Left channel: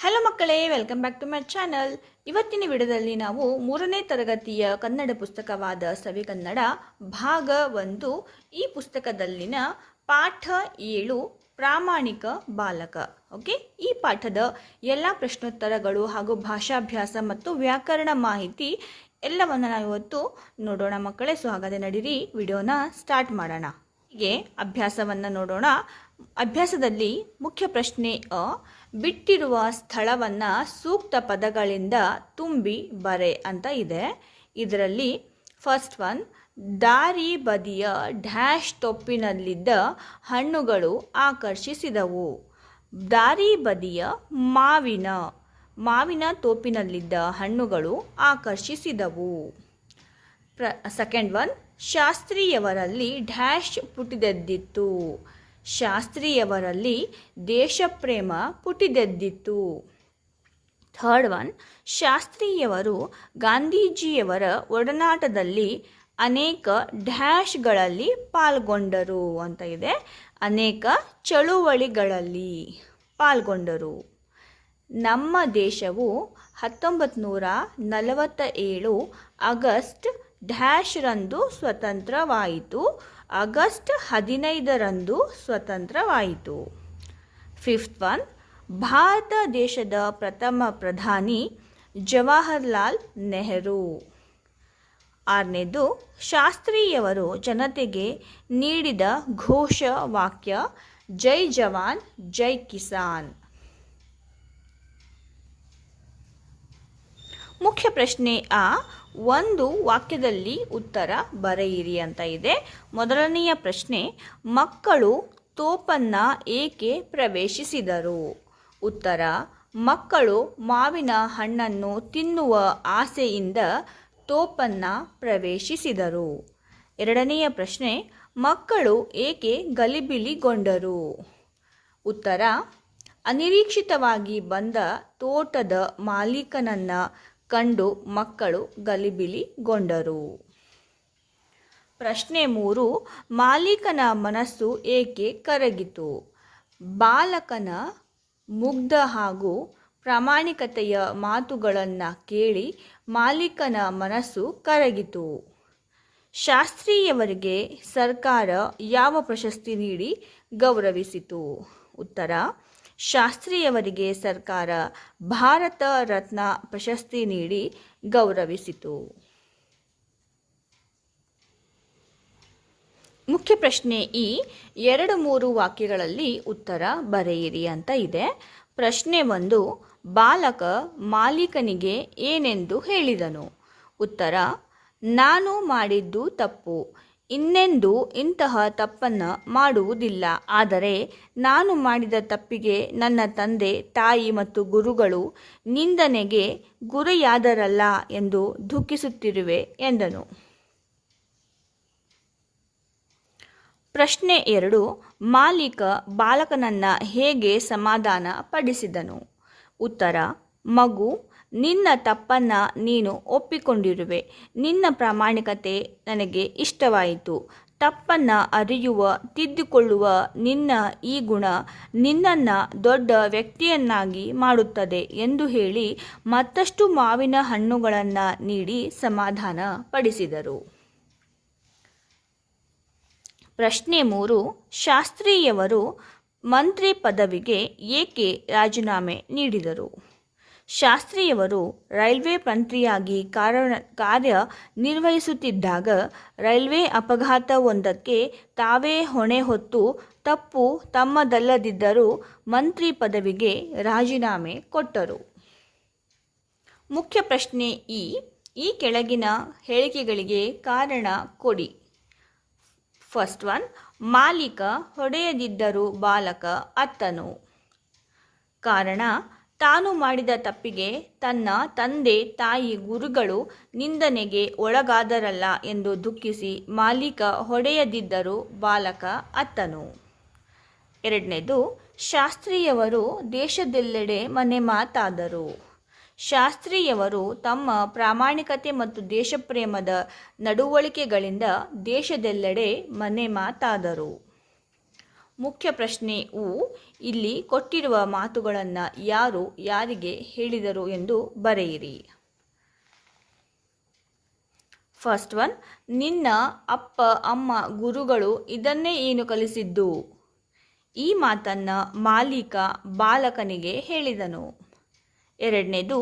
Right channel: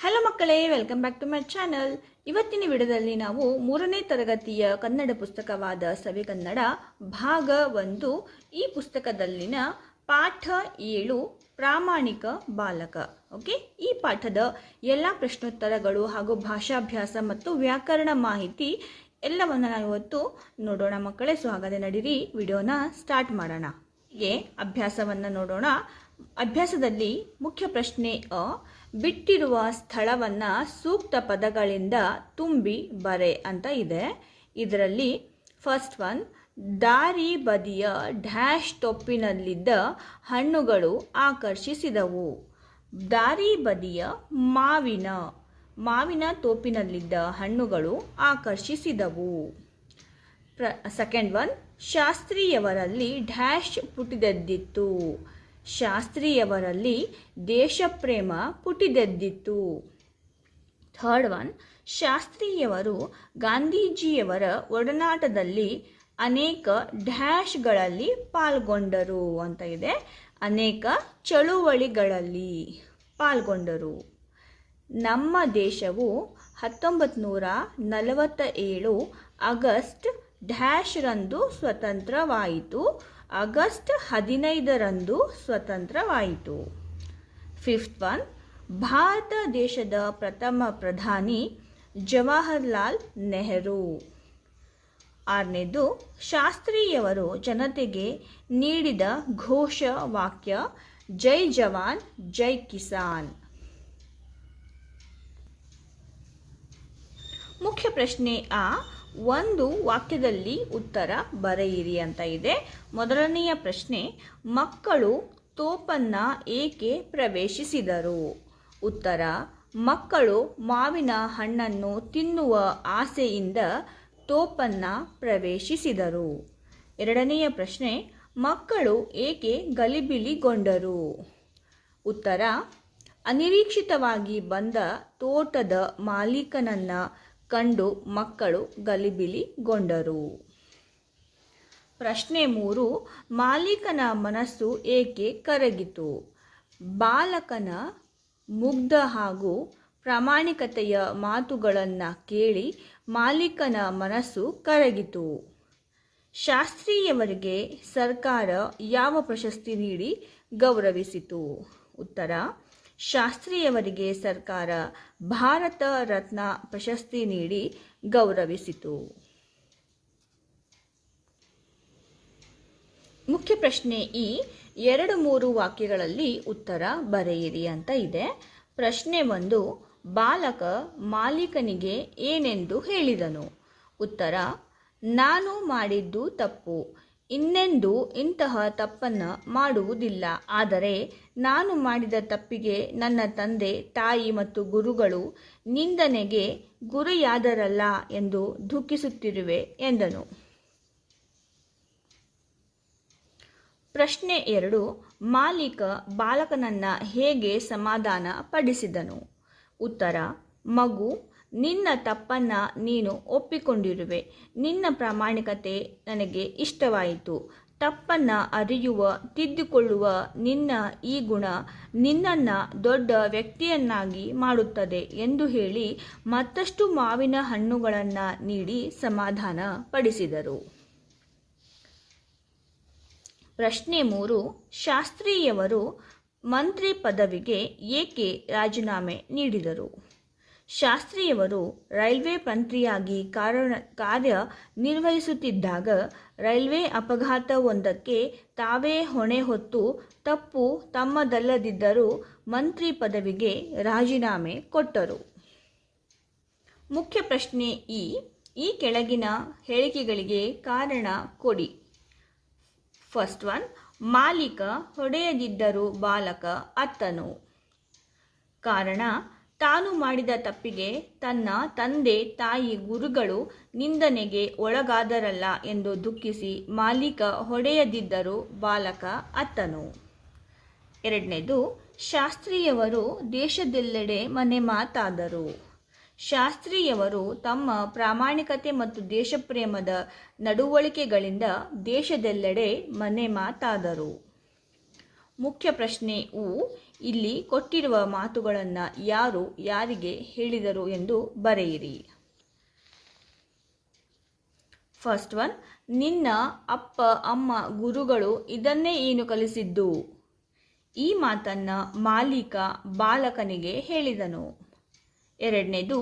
Hello ಮಕ್ಕಳೇ, welcome back to my channel. ಇವತ್ತಿನ ವಿಡಿಯೋದಲ್ಲಿ ನಾವು 3ನೇ ತರಗತಿಯ ಕನ್ನಡ ಪುಸ್ತಕವಾದ ಸವಿಕನ್ನಡ ಭಾಗ 1 ಈ ಪುಸ್ತಕದಲ್ಲಿನ ಪಾಠ 7 ಪ್ರಾಮಾಣಿಕ ಬಾಲಕ. ಓಕೆ, ಈ ಪಾಠದ ಎಲ್ಲ ಪ್ರಶ್ನೋತ್ತರಗಳು ಹಾಗೂ ಭಾಷಾಭ್ಯಾಸ ಮತ್ತು ವ್ಯಾಕರಣ ಮಾಹಿತಿ ಎಲ್ಲವನ್ನು ನಾವು ಇವತ್ತು ನೋಡೋಣ ಮಕ್ಕಳೇ. ಸೊ ಹಾಗಾದರೆ ನಡೀರಿ ವಿಡಿಯೋನ ಸ್ಟಾರ್ಟ್ ಮಾಡೋಣ. ಹೀಗೆ ಅಭ್ಯಾಸವನ್ನು ನೋಡೋಣ. ಅಭ್ಯಾಸದಲ್ಲಿ ಮುಖ್ಯ ಪ್ರಶ್ನೆ ಬಿಟ್ಟಿರುವ ಸ್ಥಳವನ್ನು ಸೂಕ್ತ ಪದಗಳಿಂದ ತುಂಬಿ ಬರೆ ಅಂತ ಇದೆ. ಇದರಲ್ಲಿ ಫಸ್ಟ್ ಒನ್, ದಾರಿ ಬದಿಯ ಡ್ಯಾಶ್ ತೊಪ್ಪಿನಲ್ಲಿದ್ದ ಹಣ್ಣುಗಳು ಆಕರ್ಷಿಸಿದವು. ದಾರಿ ಬದಿಯ ಮಾವಿನ ತೋಪಿನಲ್ಲಿದ್ದ ಹಣ್ಣುಗಳು ಆಕರ್ಷಿಸಿದವು. ಸೆಕೆಂಡ್ ಒನ್, ಶಾಸ್ತ್ರಿಯವರಲ್ಲಿ ಡ್ಯಾಶ್ ಪುಟಿದೆದ್ದಿತ್ತು. ಶಾಸ್ತ್ರಿಯವರಲ್ಲಿ ದೇಶಪ್ರೇಮ ಪುಟಿದೆದ್ದಿತ್ತು. ಥರ್ಡ್ ಒನ್, ಶಾಸ್ತ್ರಿಯವರು ಗಾಂಧೀಜಿಯವರ ಒಡನಾಟದಲ್ಲಿ ಅನೇಕ ಡ್ಯಾಶ್ಗಳಲ್ಲಿ ಪಾಲ್ಗೊಂಡರು ಅಂತ ಇದೆ. ಅನೇಕ ಚಳುವಳಿಗಳಲ್ಲಿ ಪಾಲ್ಗೊಂಡರು. ನಮ್ಮ ದೇಶವು 1947 ಆಗಸ್ಟ್ ಡ್ಯಾಶ್ ರಂದು ಸ್ವತಂತ್ರವಾಯಿತು. ಆಗಸ್ಟ್ 15ರಂದು ಸ್ವತಂತ್ರವಾಯಿತು. ಫಿಫ್ತ್ ಒನ್, ಭಾರತ ದೇಶದ ಪ್ರಥಮ ಪ್ರಧಾನಿ ಜವಾಹರ್ಲಾಲ್ ನೆಹರು. ಆರನೇದು, ಶಾಸ್ತ್ರಿಯವರು ಜನತೆಗೆ ನೀಡಿದ ಘೋಷ ವಾಕ್ಯ ಜೈ ಜವಾನ್ ಜೈ ಕಿಸಾನ್. ಮುಖ್ಯ ಪ್ರಶ್ನೆ ಒಂದು ವಾಕ್ಯದಲ್ಲಿ ಉತ್ತರ ಬರೆಯಿರಿ ಅಂತ ಇದೆ. ಮೊದಲನೆಯ ಪ್ರಶ್ನೆ, ಮಕ್ಕಳು ತೋಪನ್ನು ಏಕೆ ಪ್ರವೇಶಿಸಿದರು? ಉತ್ತರ, ಮಕ್ಕಳು ಮಾವಿನ ಹಣ್ಣನ್ನು ತಿನ್ನುವ ಆಸೆಯಿಂದ ತೋಪನ್ನು ಪ್ರವೇಶಿಸಿದರು. ಎರಡನೆಯ ಪ್ರಶ್ನೆ, ಮಕ್ಕಳು ಏಕೆ ಗಲಿಬಿಲಿಗೊಂಡರು? ಉತ್ತರ, ಅನಿರೀಕ್ಷಿತವಾಗಿ ಬಂದ ತೋಟದ ಮಾಲೀಕನನ್ನು ಕಂಡು ಮಕ್ಕಳು ಗಲಿಬಿಲಿಗೊಂಡರು. ಪ್ರಶ್ನೆ 3, ಮಾಲೀಕನ ಮನಸ್ಸು ಏಕೆ ಕರಗಿತು? ಬಾಲಕನ ಮುಗ್ಧ ಹಾಗೂ ಪ್ರಾಮಾಣಿಕತೆಯ ಮಾತುಗಳನ್ನು ಕೇಳಿ ಮಾಲೀಕನ ಮನಸ್ಸು ಕರಗಿತು. ಶಾಸ್ತ್ರಿಯವರಿಗೆ ಸರ್ಕಾರ ಯಾವ ಪ್ರಶಸ್ತಿ ನೀಡಿ ಗೌರವಿಸಿತು? ಉತ್ತರ, ಶಾಸ್ತ್ರಿಯವರಿಗೆ ಸರ್ಕಾರ ಭಾರತ ರತ್ನ ಪ್ರಶಸ್ತಿ ನೀಡಿ ಗೌರವಿಸಿತು. ಮುಖ್ಯ ಪ್ರಶ್ನೆ 2-3 ವಾಕ್ಯಗಳಲ್ಲಿ ಉತ್ತರ ಬರೆಯಿರಿ ಅಂತ ಇದೆ. ಪ್ರಶ್ನೆ 1, ಬಾಲಕ ಮಾಲೀಕನಿಗೆ ಏನೆಂದು ಹೇಳಿದನು? ಉತ್ತರ, ನಾನು ಮಾಡಿದ್ದು ತಪ್ಪು, ಇನ್ನೆಂದೂ ಇಂತಹ ತಪ್ಪನ್ನು ಮಾಡುವುದಿಲ್ಲ. ಆದರೆ ನಾನು ಮಾಡಿದ ತಪ್ಪಿಗೆ ನನ್ನ ತಂದೆ ತಾಯಿ ಮತ್ತು ಗುರುಗಳು ನಿಂದನೆಗೆ ಗುರಿಯಾದರಲ್ಲ ಎಂದು ದುಃಖಿಸುತ್ತಿರುವೆ ಎಂದನು. ಪ್ರಶ್ನೆ 2, ಮಾಲೀಕ ಬಾಲಕನನ್ನು ಹೇಗೆ ಸಮಾಧಾನ ಪಡಿಸಿದನು? ಉತ್ತರ, ಮಗು, ನಿನ್ನ ತಪ್ಪನ್ನು ನೀನು ಒಪ್ಪಿಕೊಂಡಿರುವೆ. ನಿನ್ನ ಪ್ರಾಮಾಣಿಕತೆ ನನಗೆ ಇಷ್ಟವಾಯಿತು. ತಪ್ಪನ್ನು ಅರಿಯುವ, ತಿದ್ದುಕೊಳ್ಳುವ ನಿನ್ನ ಈ ಗುಣ ನಿನ್ನನ್ನು ದೊಡ್ಡ ವ್ಯಕ್ತಿಯನ್ನಾಗಿ ಮಾಡುತ್ತದೆ ಎಂದು ಹೇಳಿ ಮತ್ತಷ್ಟು ಮಾವಿನ ಹಣ್ಣುಗಳನ್ನು ನೀಡಿ ಸಮಾಧಾನ ಪಡಿಸಿದರು. ಪ್ರಶ್ನೆ 3, ಶಾಸ್ತ್ರಿಯವರು ಮಂತ್ರಿ ಪದವಿಗೆ ಏಕೆ ರಾಜೀನಾಮೆ ನೀಡಿದರು? ಶಾಸ್ತ್ರಿಯವರು ರೈಲ್ವೆ ಮಂತ್ರಿಯಾಗಿ ಕಾರ್ಯ ನಿರ್ವಹಿಸುತ್ತಿದ್ದಾಗ ರೈಲ್ವೆ ಅಪಘಾತವೊಂದಕ್ಕೆ ತಾವೇ ಹೊಣೆ ಹೊತ್ತು ತಪ್ಪು ತಮ್ಮದಲ್ಲದಿದ್ದರೂ ಮಂತ್ರಿ ಪದವಿಗೆ ರಾಜೀನಾಮೆ ಕೊಟ್ಟರು. ಮುಖ್ಯ ಪ್ರಶ್ನೆ ಈ ಕೆಳಗಿನ ಹೇಳಿಕೆಗಳಿಗೆ ಕಾರಣ ಕೊಡಿ. ಫಸ್ಟ್ ಒನ್, ಮಾಲೀಕ ಹೊಡೆಯದಿದ್ದರೂ ಬಾಲಕ ಅತ್ತನು. ಕಾರಣ, ತಾನು ಮಾಡಿದ ತಪ್ಪಿಗೆ ತನ್ನ ತಂದೆ ತಾಯಿ ಗುರುಗಳು ನಿಂದನೆಗೆ ಒಳಗಾದರಲ್ಲ ಎಂದು ದುಃಖಿಸಿ ಮಾಲೀಕ ಹೊಡೆಯದಿದ್ದರೂ ಬಾಲಕ ಅತ್ತನು. ಎರಡನೇದು, ಶಾಸ್ತ್ರಿಯವರು ದೇಶದೆಲ್ಲೆಡೆ ಮನೆ ಮಾತಾದರು. ಶಾಸ್ತ್ರಿಯವರು ತಮ್ಮ ಪ್ರಾಮಾಣಿಕತೆ ಮತ್ತು ದೇಶಪ್ರೇಮದ ನಡವಳಿಕೆಗಳಿಂದ ದೇಶದೆಲ್ಲೆಡೆ ಮನೆ ಮಾತಾದರು. ಮುಖ್ಯ ಪ್ರಶ್ನೆ ಇಲ್ಲಿ ಕೊಟ್ಟಿರುವ ಮಾತುಗಳನ್ನು ಯಾರು ಯಾರಿಗೆ ಹೇಳಿದರು ಎಂದು ಬರೆಯಿರಿ. ಫಸ್ಟ್ ಒನ್, ನಿನ್ನ ಅಪ್ಪ ಅಮ್ಮ ಗುರುಗಳು ಇದನ್ನೇ ಏನು ಕಲಿಸಿದ್ದು? ಈ ಮಾತನ್ನು ಮಾಲೀಕ ಬಾಲಕನಿಗೆ ಹೇಳಿದನು. ಎರಡನೇದು,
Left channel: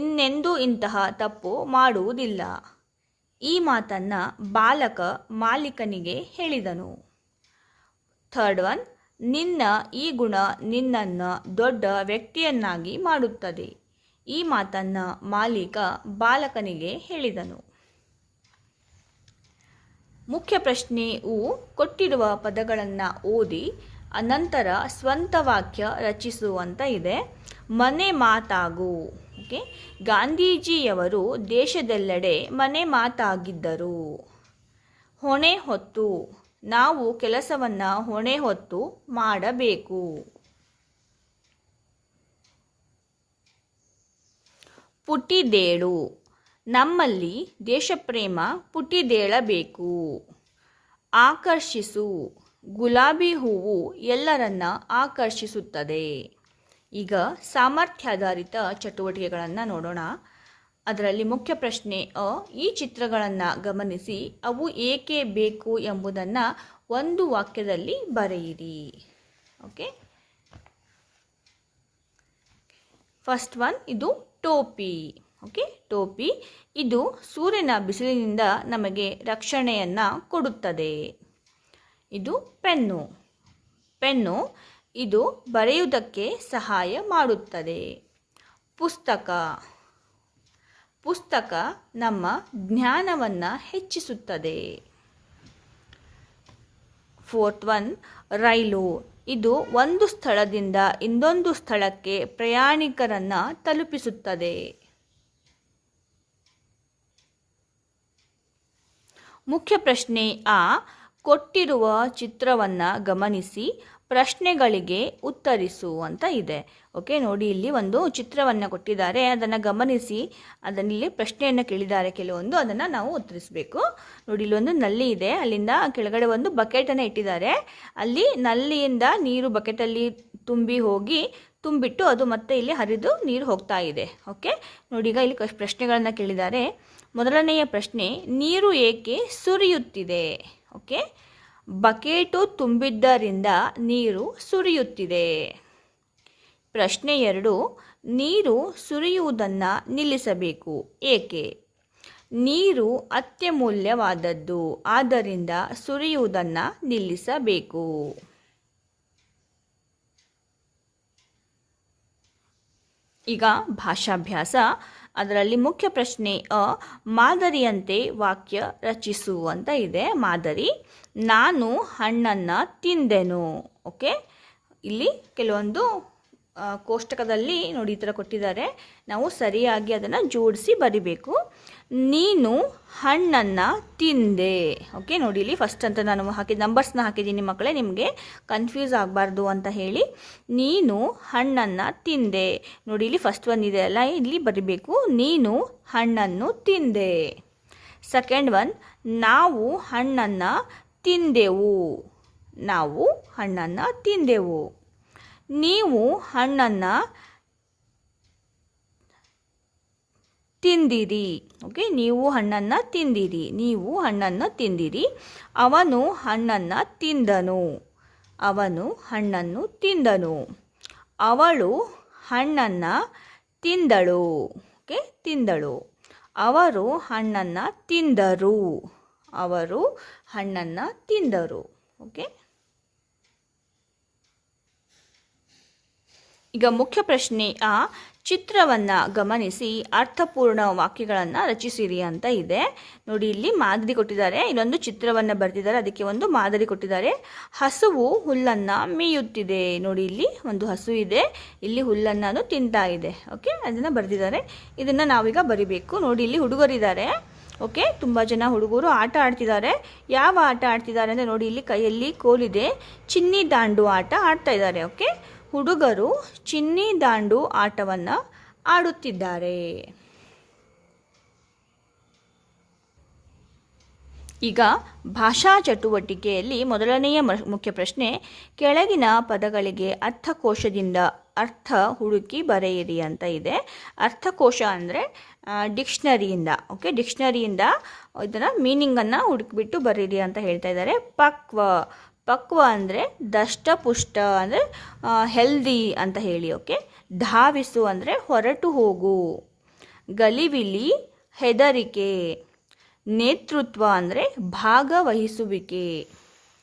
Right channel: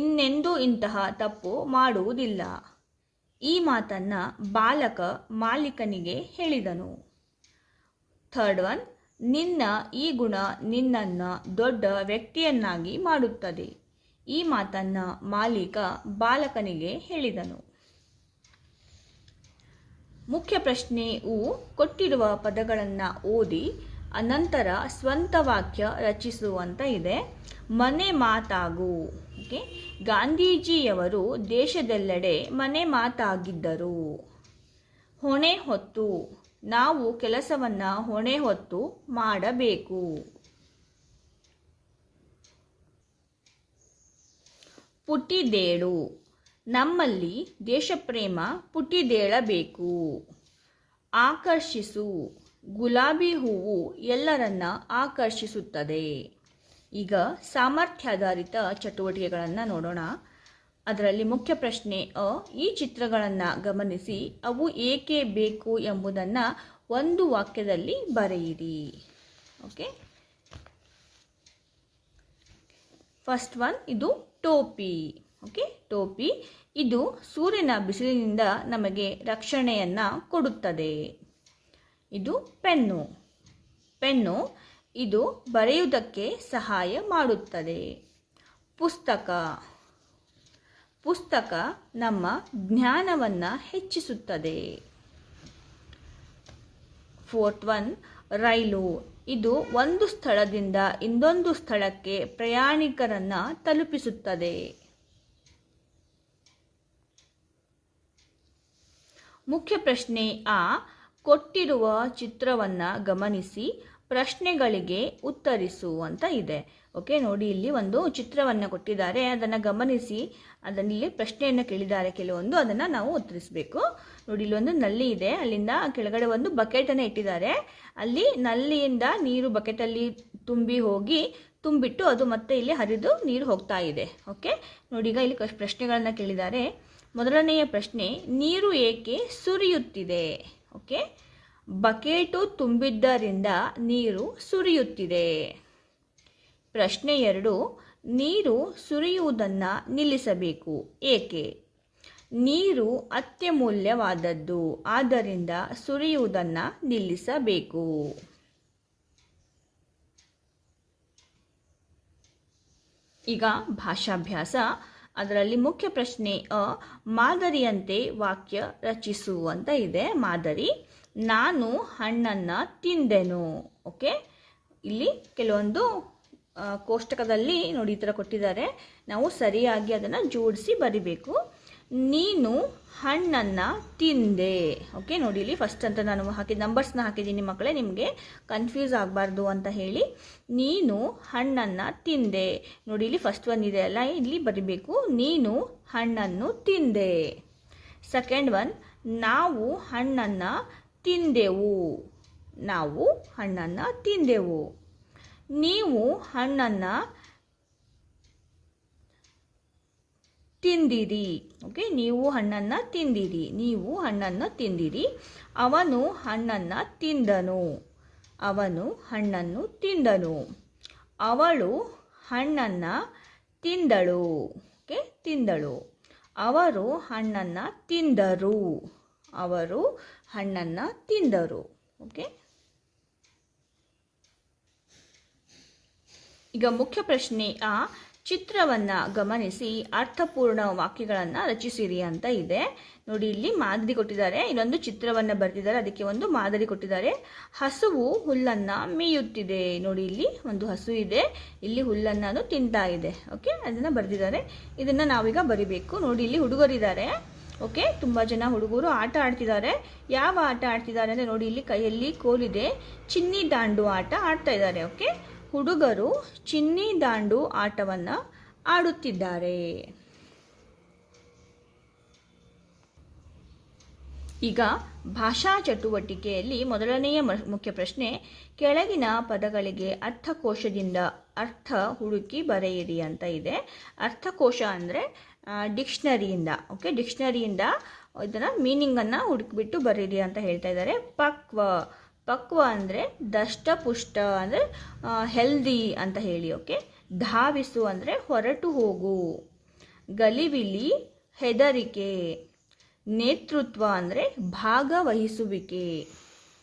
ಇನ್ನೆಂದೂ ಇಂತಹ ತಪ್ಪು ಮಾಡುವುದಿಲ್ಲ. ಈ ಮಾತನ್ನು ಬಾಲಕ ಮಾಲೀಕನಿಗೆ ಹೇಳಿದನು. ಥರ್ಡ್ ಒನ್, ನಿನ್ನ ಈ ಗುಣ ನಿನ್ನನ್ನು ದೊಡ್ಡ ವ್ಯಕ್ತಿಯನ್ನಾಗಿ ಮಾಡುತ್ತದೆ. ಈ ಮಾತನ್ನು ಮಾಲೀಕ ಬಾಲಕನಿಗೆ ಹೇಳಿದನು. ಮುಖ್ಯ ಪ್ರಶ್ನೆಯು ಕೊಟ್ಟಿರುವ ಪದಗಳನ್ನು ಓದಿ ಅನಂತರ ಸ್ವಂತ ವಾಕ್ಯ ರಚಿಸುವಂತ ಇದೆ. ಮನೆ ಮಾತಾಗು. ಓಕೆ, ಗಾಂಧೀಜಿಯವರು ದೇಶದೆಲ್ಲೆಡೆ ಮನೆ ಮಾತಾಗಿದ್ದರು. ಹೊಣೆ ಹೊತ್ತು, ನಾವು ಕೆಲಸವನ್ನು ಹೊಣೆ ಹೊತ್ತು ಮಾಡಬೇಕು. ಪುಟಿದೇಳು, ನಮ್ಮಲ್ಲಿ ದೇಶಪ್ರೇಮ ಪುಟಿದೇಳಬೇಕು. ಆಕರ್ಷಿಸು, ಗುಲಾಬಿ ಹೂವು ಎಲ್ಲರನ್ನ ಆಕರ್ಷಿಸುತ್ತದೆ. ಈಗ ಸಾಮರ್ಥ್ಯಾಧಾರಿತ ಚಟುವಟಿಕೆಗಳನ್ನು ನೋಡೋಣ. ಅದರಲ್ಲಿ ಮುಖ್ಯ ಪ್ರಶ್ನೆ ಈ ಚಿತ್ರಗಳನ್ನು ಗಮನಿಸಿ ಅವು ಏಕೆ ಬೇಕು ಎಂಬುದನ್ನು ಒಂದು ವಾಕ್ಯದಲ್ಲಿ ಬರೆಯಿರಿ. ಓಕೆ, ಫಸ್ಟ್ ಒನ್, ಇದು ಟೋಪಿ. ಓಕೆ, ಟೋಪಿ ಇದು ಸೂರ್ಯನ ಬಿಸಿಲಿನಿಂದ ನಮಗೆ ರಕ್ಷಣೆಯನ್ನು ಕೊಡುತ್ತದೆ. ಇದು ಪೆನ್ನು. ಪೆನ್ನು ಇದು ಬರೆಯುವುದಕ್ಕೆ ಸಹಾಯ ಮಾಡುತ್ತದೆ. ಪುಸ್ತಕ. ಪುಸ್ತಕ ನಮ್ಮ ಜ್ಞಾನವನ್ನು ಹೆಚ್ಚಿಸುತ್ತದೆ. ಫೋರ್ತ್ ಒನ್, ರೈಲು ಇದು ಒಂದು ಸ್ಥಳದಿಂದ ಇನ್ನೊಂದು ಸ್ಥಳಕ್ಕೆ ಪ್ರಯಾಣಿಕರನ್ನು ತಲುಪಿಸುತ್ತದೆ. ಮುಖ್ಯ ಪ್ರಶ್ನೆ ಕೊಟ್ಟಿರುವ ಚಿತ್ರವನ್ನು ಗಮನಿಸಿ ಪ್ರಶ್ನೆಗಳಿಗೆ ಉತ್ತರಿಸು ಅಂತ ಇದೆ. ಓಕೆ, ನೋಡಿ ಇಲ್ಲಿ ಒಂದು ಚಿತ್ರವನ್ನು ಕೊಟ್ಟಿದ್ದಾರೆ, ಅದನ್ನು ಗಮನಿಸಿ ಅದರಲ್ಲಿ ಪ್ರಶ್ನೆಯನ್ನು ಕೇಳಿದ್ದಾರೆ ಕೆಲವೊಂದು, ಅದನ್ನು ನಾವು ಉತ್ತರಿಸಬೇಕು. ನೋಡಿ ಇಲ್ಲಿ ಒಂದು ನಲ್ಲಿ ಇದೆ, ಅಲ್ಲಿಂದ ಕೆಳಗಡೆ ಒಂದು ಬಕೆಟನ್ನು ಇಟ್ಟಿದ್ದಾರೆ. ಅಲ್ಲಿ ನಲ್ಲಿಯಿಂದ ನೀರು ಬಕೆಟಲ್ಲಿ ತುಂಬಿಟ್ಟು ಅದು ಮತ್ತೆ ಇಲ್ಲಿ ಹರಿದು ನೀರು ಹೋಗ್ತಾ ಇದೆ. ಓಕೆ, ನೋಡಿ ಈಗ ಇಲ್ಲಿ ಪ್ರಶ್ನೆಗಳನ್ನು ಕೇಳಿದ್ದಾರೆ. ಮೊದಲನೆಯ ಪ್ರಶ್ನೆ, ನೀರು ಏಕೆ ಸುರಿಯುತ್ತಿದೆ? ಓಕೆ, ಬಕೆಟು ತುಂಬಿದ್ದರಿಂದ ನೀರು ಸುರಿಯುತ್ತಿದೆ. ಪ್ರಶ್ನೆ 2, ನೀರು ಸುರಿಯುವುದನ್ನು ನಿಲ್ಲಿಸಬೇಕು, ಏಕೆ? ನೀರು ಅತ್ಯಮೂಲ್ಯವಾದದ್ದು, ಆದ್ದರಿಂದ ಸುರಿಯುವುದನ್ನು ನಿಲ್ಲಿಸಬೇಕು. ಈಗ ಭಾಷಾಭ್ಯಾಸ. ಅದರಲ್ಲಿ ಮುಖ್ಯ ಪ್ರಶ್ನೆ ಮಾದರಿಯಂತೆ ವಾಕ್ಯ ರಚಿಸು ಅಂತ ಇದೆ. ಮಾದರಿ, ನಾನು ಹಣ್ಣನ್ನು ತಿಂದೆನು. ಓಕೆ, ಇಲ್ಲಿ ಕೆಲವೊಂದು ಕೋಷ್ಟಕದಲ್ಲಿ ನೋಡಿ ಈ ಥರ ಕೊಟ್ಟಿದ್ದಾರೆ, ನಾವು ಸರಿಯಾಗಿ ಅದನ್ನು ಜೋಡಿಸಿ ಬರಿಬೇಕು. ನೀನು ಹಣ್ಣನ್ನು ತಿಂದೆ. ಓಕೆ, ನೋಡಿ ಇಲ್ಲಿ ಫಸ್ಟ್ ಅಂತ ನಾನು ನಂಬರ್ಸ್ನ ಹಾಕಿದ್ದೀನಿ ಮಕ್ಕಳೇ, ನಿಮಗೆ ಕನ್ಫ್ಯೂಸ್ ಆಗಬಾರ್ದು ಅಂತ ಹೇಳಿ. ನೀನು ಹಣ್ಣನ್ನು ತಿಂದೆ. ನೋಡಿ ಇಲ್ಲಿ ಫಸ್ಟ್ ಒನ್ ಇದೆ ಅಲ್ಲ, ಇಲ್ಲಿ ಬರಿಬೇಕು, ನೀನು ಹಣ್ಣನ್ನು ತಿಂದೆ. ಸೆಕೆಂಡ್ ಒನ್, ನಾವು ಹಣ್ಣನ್ನು ತಿಂದೆವು. ನಾವು ಹಣ್ಣನ್ನು ತಿಂದೆವು. ನೀವು ಹಣ್ಣನ್ನು ತಿಂದಿರಿ. ಓಕೆ, ನೀವು ಹಣ್ಣನ್ನು ತಿಂದಿರಿ. ನೀವು ಹಣ್ಣನ್ನು ತಿಂದಿರಿ. ಅವನು ಹಣ್ಣನ್ನು ತಿಂದನು. ಅವನು ಹಣ್ಣನ್ನು ತಿಂದನು. ಅವಳು ಹಣ್ಣನ್ನು ತಿಂದಳು. ಓಕೆ, ತಿಂದಳು. ಅವರು ಹಣ್ಣನ್ನು ತಿಂದರು. ಅವರು ಹಣ್ಣನ್ನು ತಿಂದರು. ಓಕೆ, ಈಗ ಮುಖ್ಯ ಪ್ರಶ್ನೆ ಚಿತ್ರವನ್ನು ಗಮನಿಸಿ ಅರ್ಥಪೂರ್ಣ ವಾಕ್ಯಗಳನ್ನು ರಚಿಸಿರಿ ಅಂತ ಇದೆ. ನೋಡಿ ಇಲ್ಲಿ ಮಾದರಿ ಕೊಟ್ಟಿದ್ದಾರೆ, ಇಲ್ಲೊಂದು ಚಿತ್ರವನ್ನು ಬರೆದಿದ್ದಾರೆ, ಅದಕ್ಕೆ ಒಂದು ಮಾದರಿ ಕೊಟ್ಟಿದ್ದಾರೆ. ಹಸುವು ಹುಲ್ಲನ್ನು ಮೇಯುತ್ತಿದೆ. ನೋಡಿ ಇಲ್ಲಿ ಒಂದು ಹಸು ಇದೆ, ಇಲ್ಲಿ ಹುಲ್ಲನ್ನು ತಿಂತಾ ಇದೆ. ಓಕೆ, ಅದನ್ನು ಬರೆದಿದ್ದಾರೆ. ಇದನ್ನು ನಾವೀಗ ಬರಿಬೇಕು. ನೋಡಿ ಇಲ್ಲಿ ಹುಡುಗರಿದ್ದಾರೆ. ಓಕೆ, ತುಂಬ ಜನ ಹುಡುಗರು ಆಟ ಆಡ್ತಿದ್ದಾರೆ. ಯಾವ ಆಟ ಆಡ್ತಿದ್ದಾರೆ ಅಂದರೆ ನೋಡಿ ಇಲ್ಲಿ ಕೈಯಲ್ಲಿ ಕೋಲಿದೆ, ಚಿನ್ನಿ ದಾಂಡು ಆಟ ಆಡ್ತಾ ಇದ್ದಾರೆ. ಓಕೆ, ಹುಡುಗರು ಚಿನ್ನಿ ದಾಂಡು ಆಟವನ್ನು ಆಡುತ್ತಿದ್ದಾರೆ. ಈಗ ಭಾಷಾ ಚಟುವಟಿಕೆಯಲ್ಲಿ ಮೊದಲನೆಯ ಮುಖ್ಯ ಪ್ರಶ್ನೆ, ಕೆಳಗಿನ ಪದಗಳಿಗೆ ಅರ್ಥಕೋಶದಿಂದ ಅರ್ಥ ಹುಡುಕಿ ಬರೆಯಿರಿ ಅಂತ ಇದೆ. ಅರ್ಥಕೋಶ ಅಂದರೆ ಡಿಕ್ಷನರಿಯಿಂದ, ಓಕೆ, ಡಿಕ್ಷನರಿಯಿಂದ ಇದರ ಮೀನಿಂಗನ್ನು ಹುಡುಕಿಬಿಟ್ಟು ಬರೀರಿ ಅಂತ ಹೇಳ್ತಾ ಇದ್ದಾರೆ. ಪಕ್ವ ಅಂದರೆ ದಷ್ಟಪುಷ್ಟ ಅಂದರೆ ಹೆಲ್ದಿ ಅಂತ ಹೇಳಿ, ಓಕೆ. ಧಾವಿಸು ಅಂದರೆ ಹೊರಟು ಹೋಗು. ಗಲಿಬಿಲಿ ಹೆದರಿಕೆ. ನೇತೃತ್ವ ಅಂದರೆ ಭಾಗವಹಿಸುವಿಕೆ.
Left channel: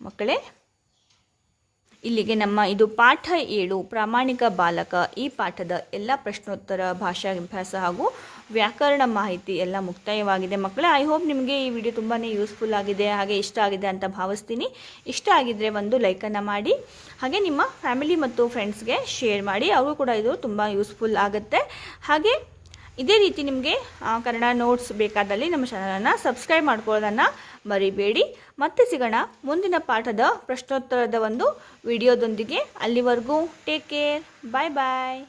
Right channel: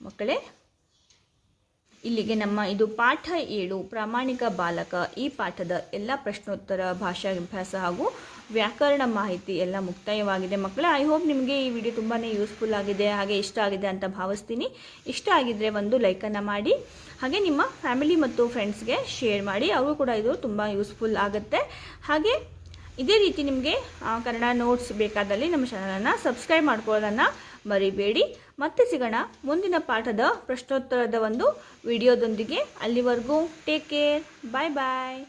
ಮಕ್ಕಳೇ, ಇಲ್ಲಿಗೆ ನಮ್ಮ ಇದು ಪಾಠ 7 ಪ್ರಾಮಾಣಿಕ ಬಾಲಕ ಈ ಪಾಠದ ಎಲ್ಲ ಪ್ರಶ್ನೋತ್ತರ, ಭಾಷಾಭ್ಯಾಸ ಹಾಗೂ ವ್ಯಾಕರಣ ಮಾಹಿತಿ ಎಲ್ಲ ಮುಕ್ತಾಯವಾಗಿದೆ. ಮಕ್ಕಳೇ, ಐ ಹೋಪ್ ನಿಮಗೆ ಈ ವಿಡಿಯೋ ತುಂಬಾ ಯೂಸ್ಫುಲ್ ಆಗಿದೆ, ಹಾಗೆ ಇಷ್ಟ ಆಗಿದೆ ಅಂತ ಭಾವಿಸ್ತೀನಿ. ಇಷ್ಟ ಆಗಿದ್ದರೆ ಒಂದು ಲೈಕನ್ನು ಮಾಡಿ, ಹಾಗೆ ನಿಮ್ಮ ಫ್ಯಾಮಿಲಿ ಮತ್ತು ಫ್ರೆಂಡ್ಸ್ಗೆ ಶೇರ್ ಮಾಡಿ, ಅವರು ಕೂಡ ಇದು ತುಂಬ ಯೂಸ್ಫುಲ್ ಆಗುತ್ತೆ. ಹಾಗೆ ಇದೇ ರೀತಿ ನಿಮಗೆ ಕನ್ನಡ ನೋಟ್ಸ್ ಬೇಕಾದಲ್ಲಿ ನಮ್ಮ ಚಾನಲನ್ನು ಸಬ್ಸ್ಕ್ರೈಬ್ ಮಾಡ್ಕೊಳ್ಳೋದನ್ನು ಮರಿಬೇಡಿ. ಮತ್ತೆ ಸಿಗೋಣ ಮುಂದಿನ ಪಾಠದ ಪ್ರಶ್ನೋತ್ತರದ ಒಂದು ವಿಡಿಯೋದೊಂದಿಗೆ. ಅಲ್ಲಿವರೆಗೂ ಟೇಕ್ ಕೇರ್, ಬಾಯ್ ಬಾಯ್.